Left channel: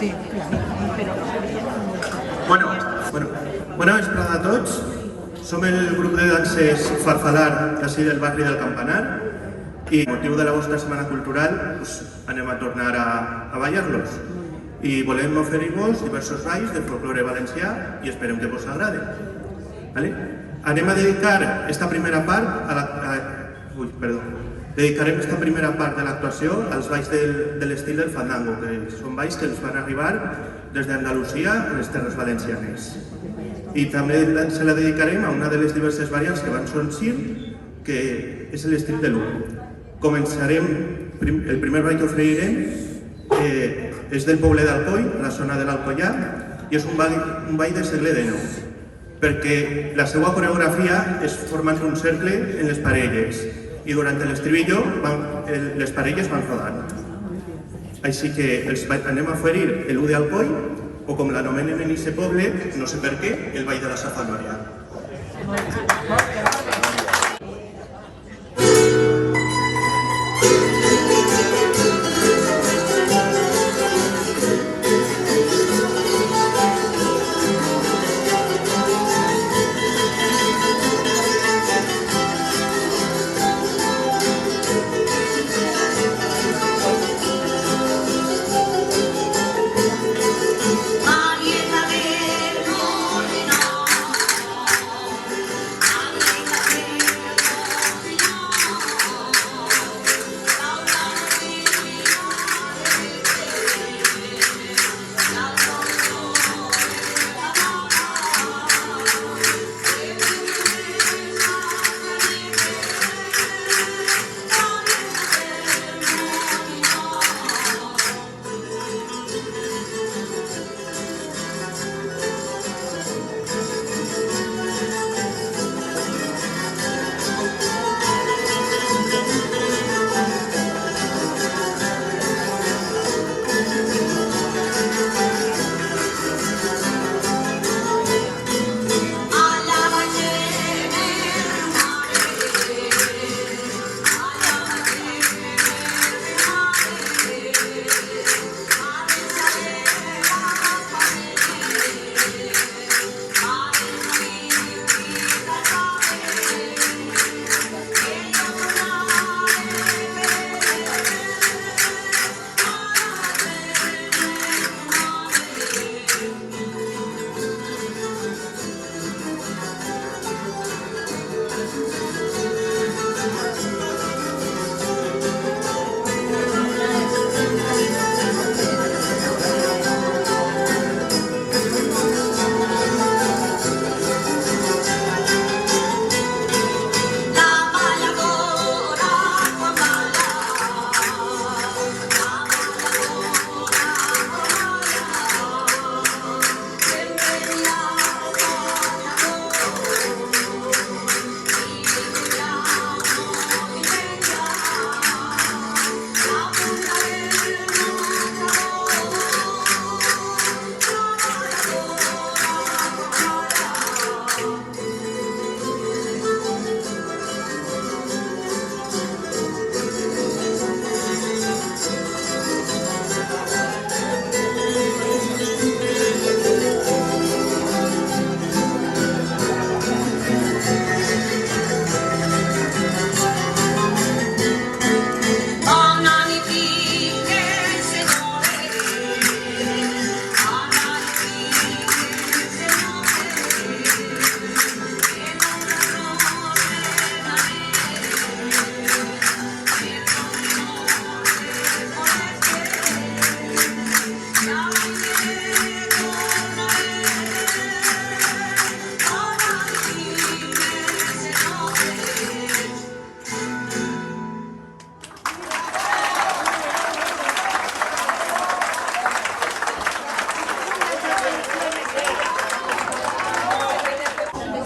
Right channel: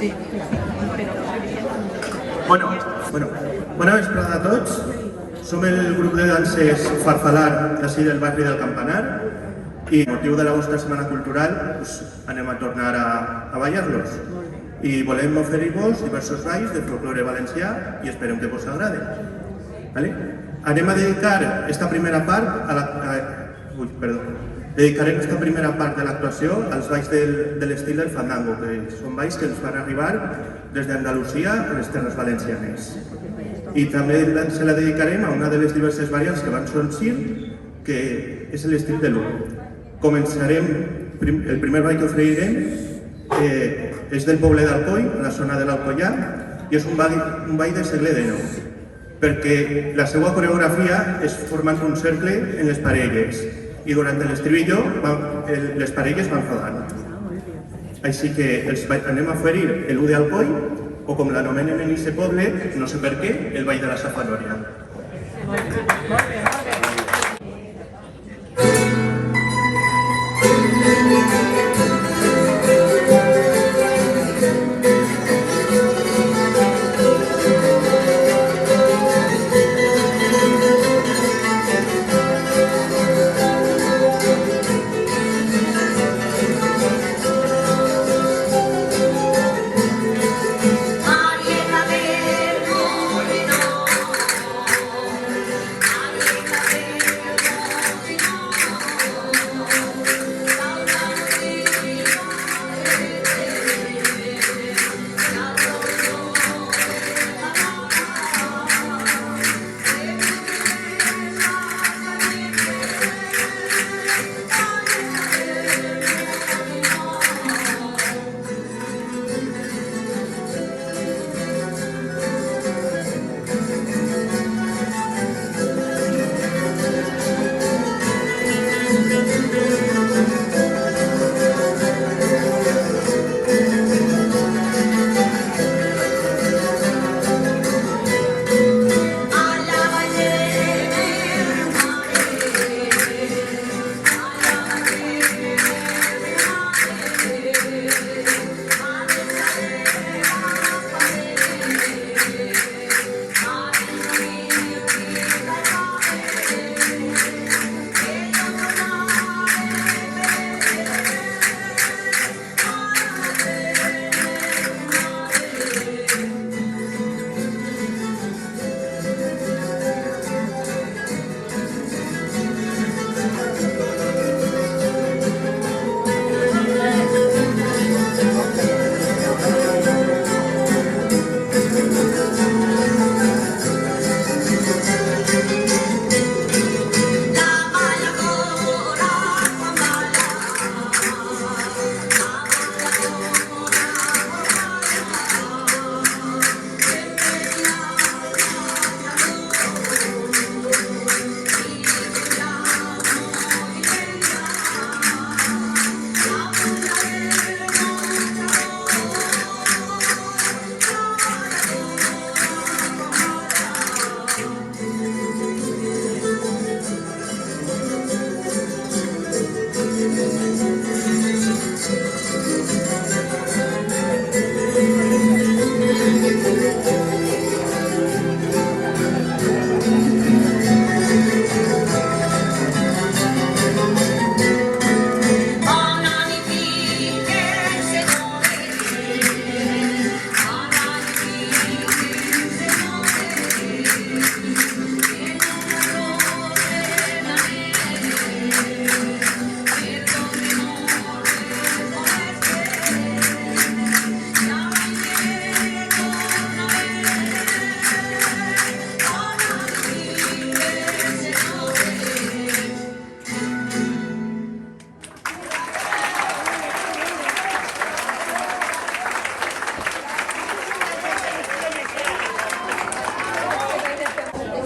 Sí, però... Bona vesprada a tots. Som el grup de danses Farfalar, d'ací del barri del Campanar, i amb motiu de la vostra Setmana Cultural anem a tornar a ballar-los. I volem oferir-vos diversos balls de folklore valencià i esperem que vos agrade. Anem a dedicar esta primera part a la... Dedicarem esta primera part de l'actuació als balls de l'estil del fandango, que són balls que ens van arribar des d'Andalusia a les terres valencianes. I també se la dedicarem a una de les diverses variants que van sorgir, que és l'estil de l'U. Començarem, el primer ball que oferirem és del poble d'Alcoi, a la zona de l'Alcoià, i és un ball del segle XIX, perquè la seva coreografia és formant un cercle en les parelles, i durant l'estribillo les parelles van rodant. Així que anem a oferir l'U d'Alcoi, o com l'anomenen en aquest poble, no sé per què, el ball de la Safanòria.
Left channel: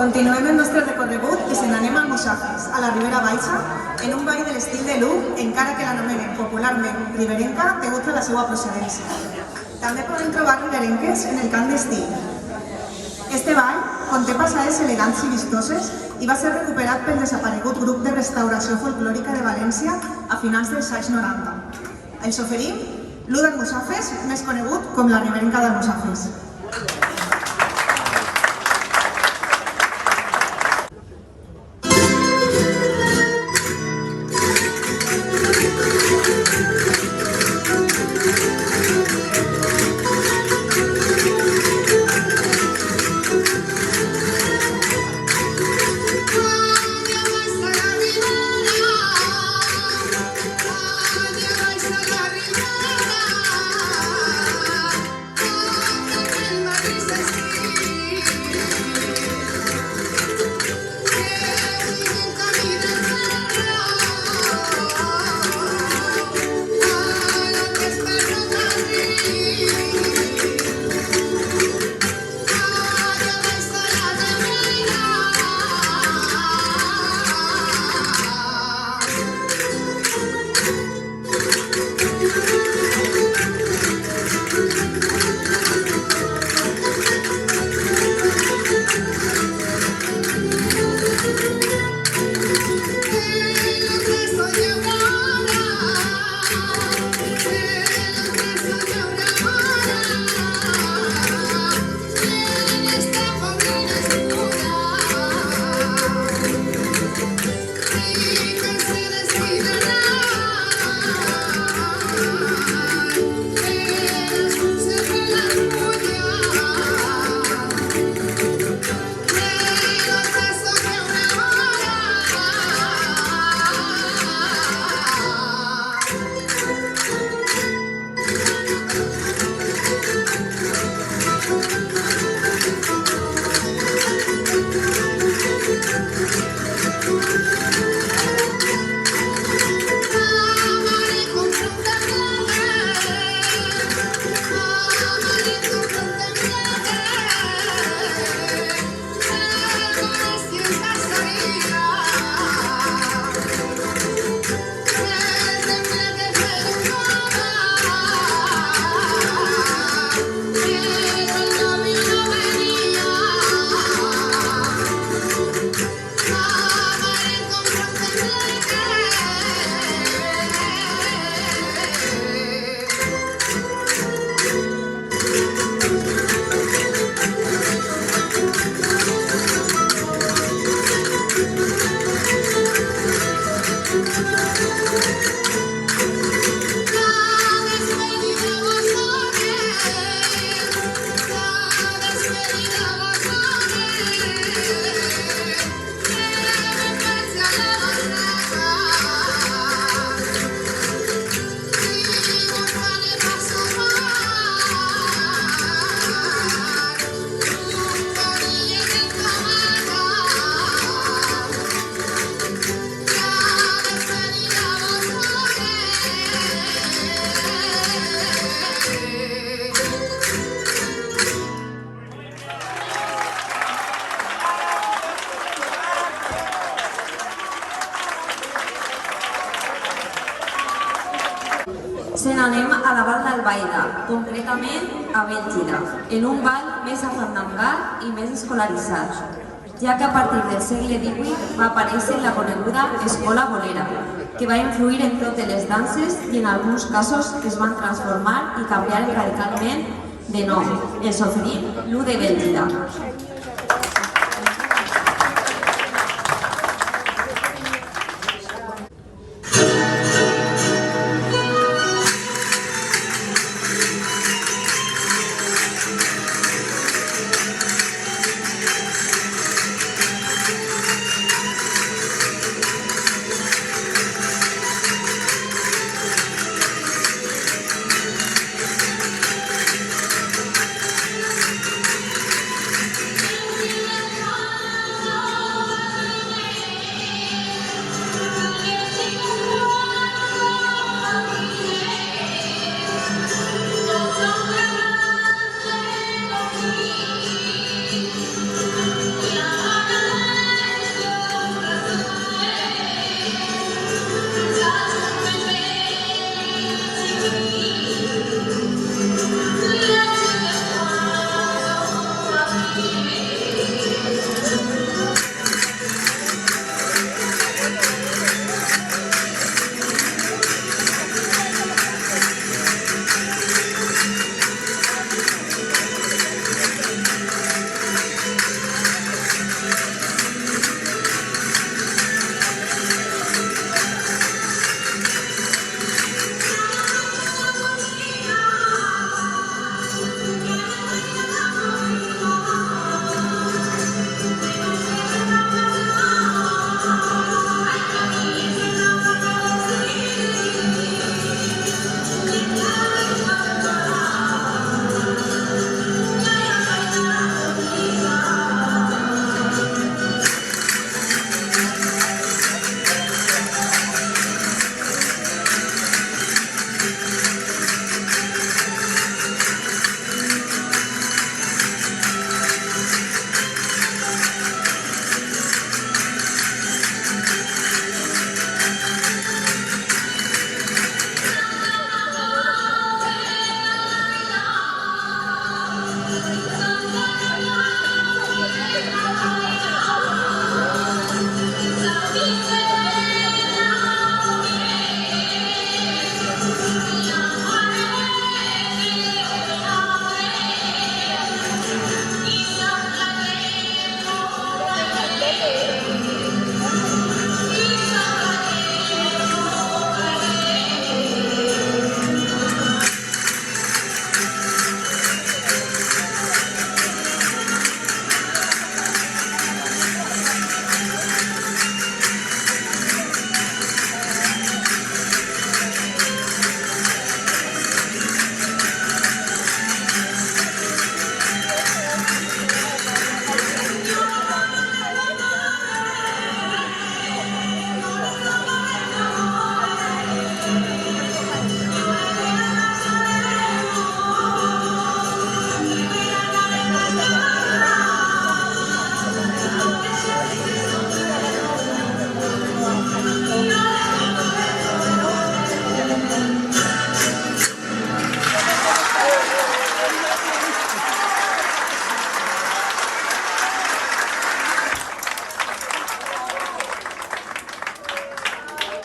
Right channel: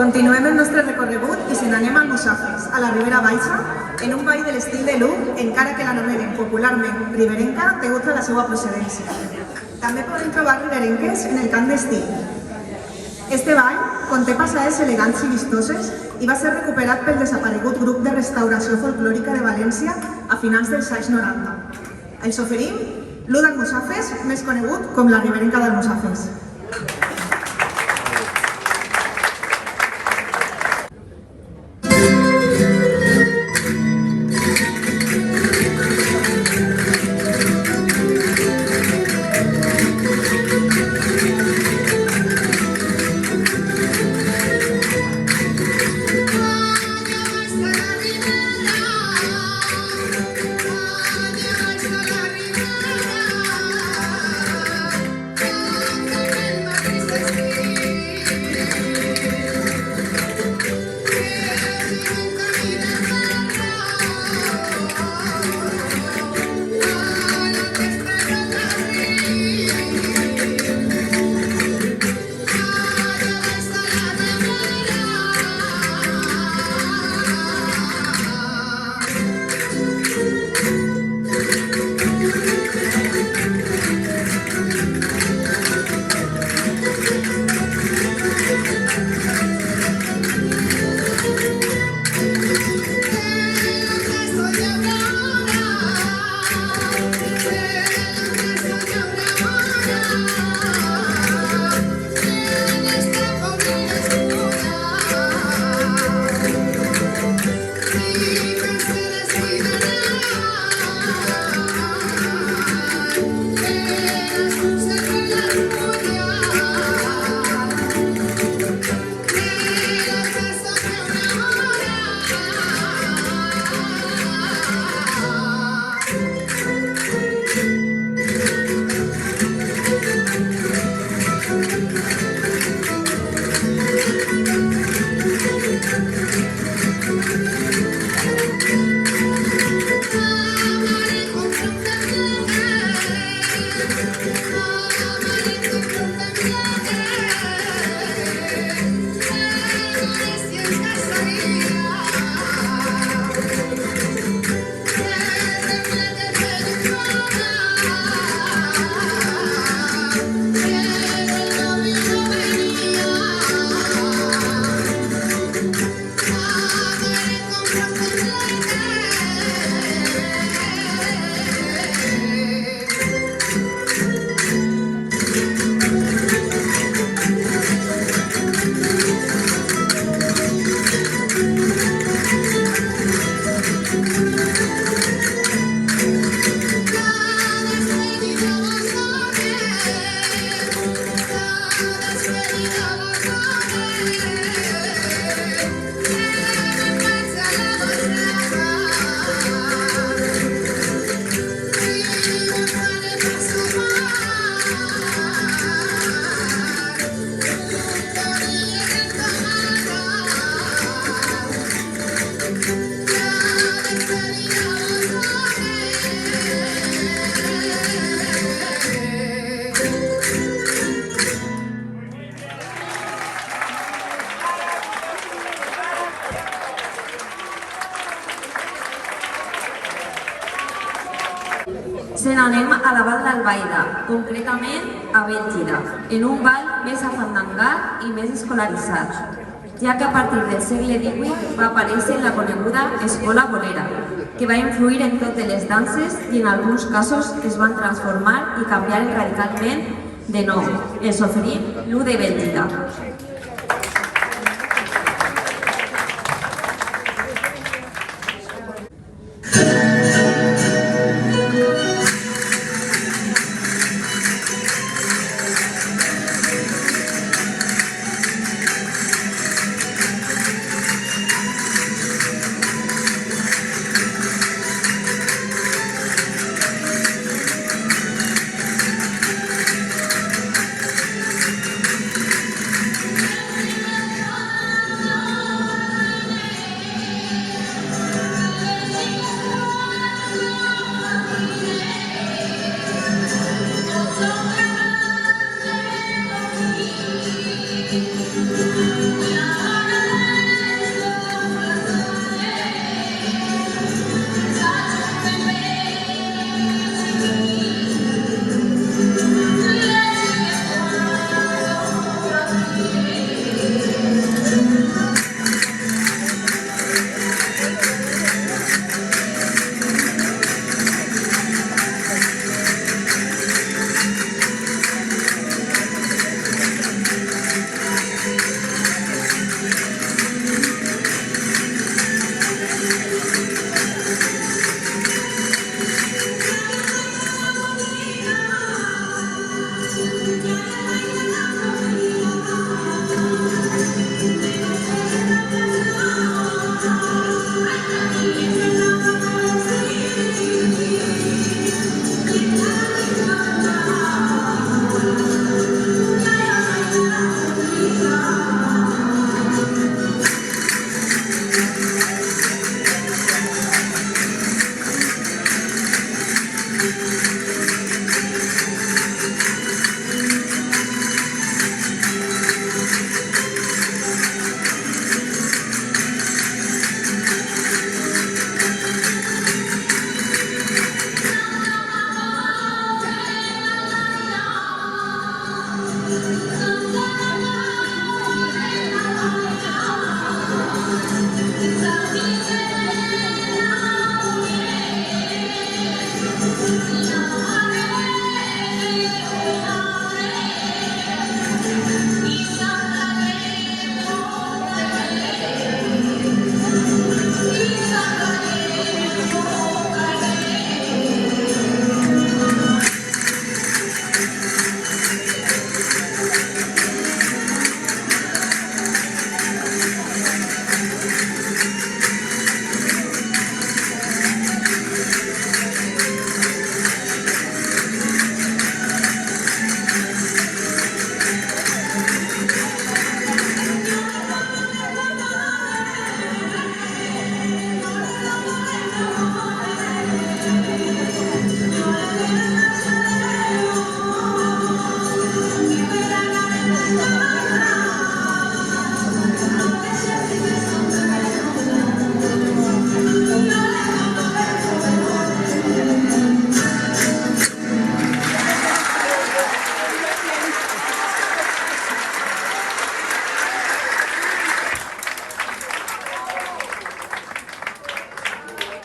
Continuem el nostre recorregut i se n'anem a Almussafes, a la Ribera Baixa, en un ball de l'estil de l'U, encara que l'anomenen popularment riberenca degut a la seva procedència. També podem trobar riberenques en el cant d'estil. Este ball conté passades elegants i vistoses i va ser recuperat pel desaparegut grup de restauració folclòrica de València a finals dels anys 90. Els oferim l'U d'Almussafes, més conegut com la Riberenca d'Almussafes. Se n'anem a la Val d'Albaida, concretament a Bèlgida, en un ball més afandangat i més escolaritzat, ja que a partir del segle XVIII va aparèixer la coneguda escola bolera, que va influir en totes les danses i en alguns casos es van transformar i canviar radicalment de nom, els oferint l'U de Bèlgida.